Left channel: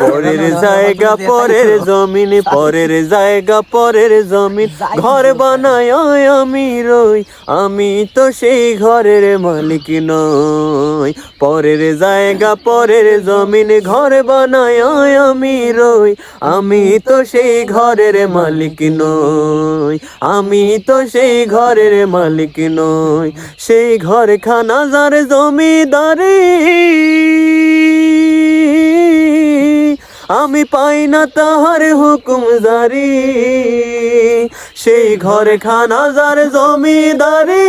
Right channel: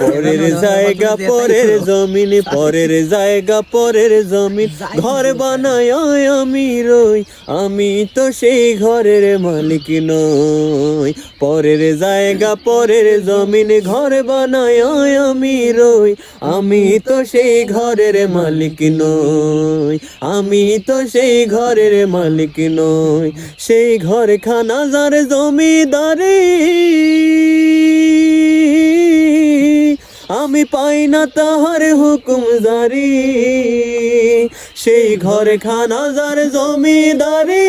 পরের জায়গা পরের জমিন, পরের জায়গা পরের জমিন, ঘর বানায় আমি রই, আমি তো সেই ঘরের মালিক নই। পরের জায়গা পরের জমিন, ঘর বানায় আমি রই, আমি তো সেই ঘরের মালিক নই, আমি তো সেই ঘরের মালিক নই। সেই ঘর খানা যার জমিদারি, আমি পাই না তাহার হুকুম জারি। সেই ঘর খানা যার জমিদারি,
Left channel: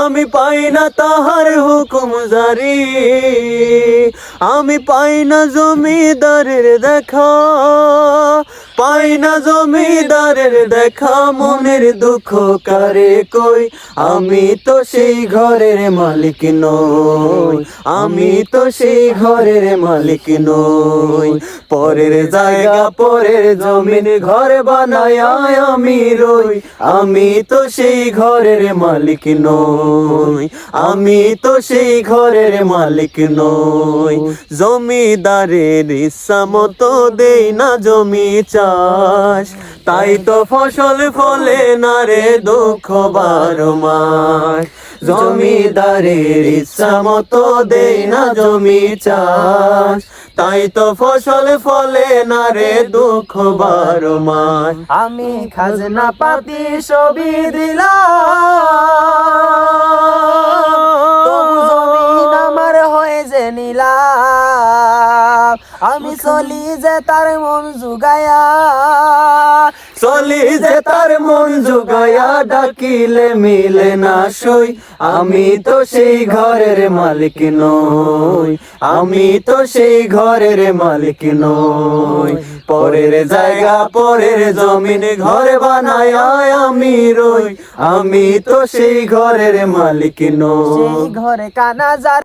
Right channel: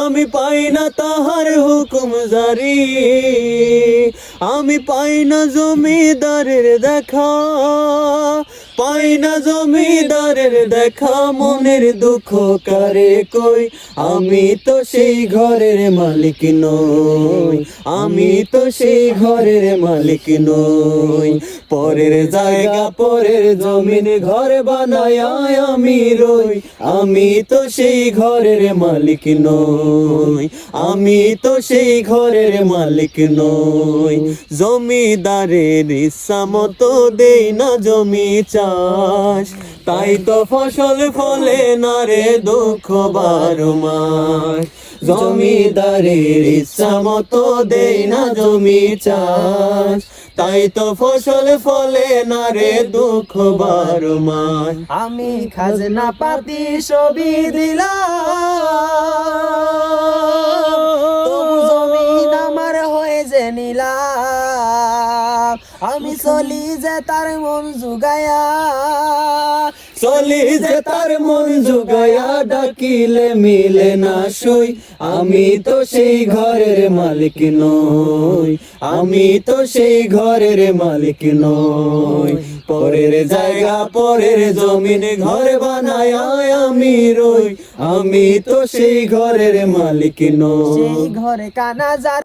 আমি পাই না তাহার হুকুম জারি। আমি পাই না জমিদারের দেখা, পাই না জমিদারের দেখা, মনের দুঃখ কারে কই, আমি তো সেই ঘরের মালিক নই, আমি তো সেই ঘরের মালিক নই। পরের জায়গা পরের জমিন, ঘর বানায় আমি রই, আমি তো সেই ঘরের মালিক নই, আমি তো সেই ঘরের মালিক নই। জমিদারের ইচ্ছা মতো দেই না জমি চাষ, তাই তো ফসল ফলে না রে দুঃখ 12 মাস। জমিদারের ইচ্ছা মতো দেই না জমি চাষ, তাই তো ফসল ফলে না রে দুঃখ 12 মাস। আমি খাজনা পাতি সবই দিলাম, তবু জমিন আমার হয়ে যে নিলাম। আমি চলি যে তার মন জুগায়া, চলি যে তার মন জুগায়া, ডাকিলে মিলে না সই, আমি তো সেই ঘরের মালিক নই, আমি তো সেই ঘরের মালিক নই। পরের জায়গা পরের জমিন, ঘর বানায় আমি রই, আমি তো সেই ঘরের মালিক নই। সেই ঘরে কানা যার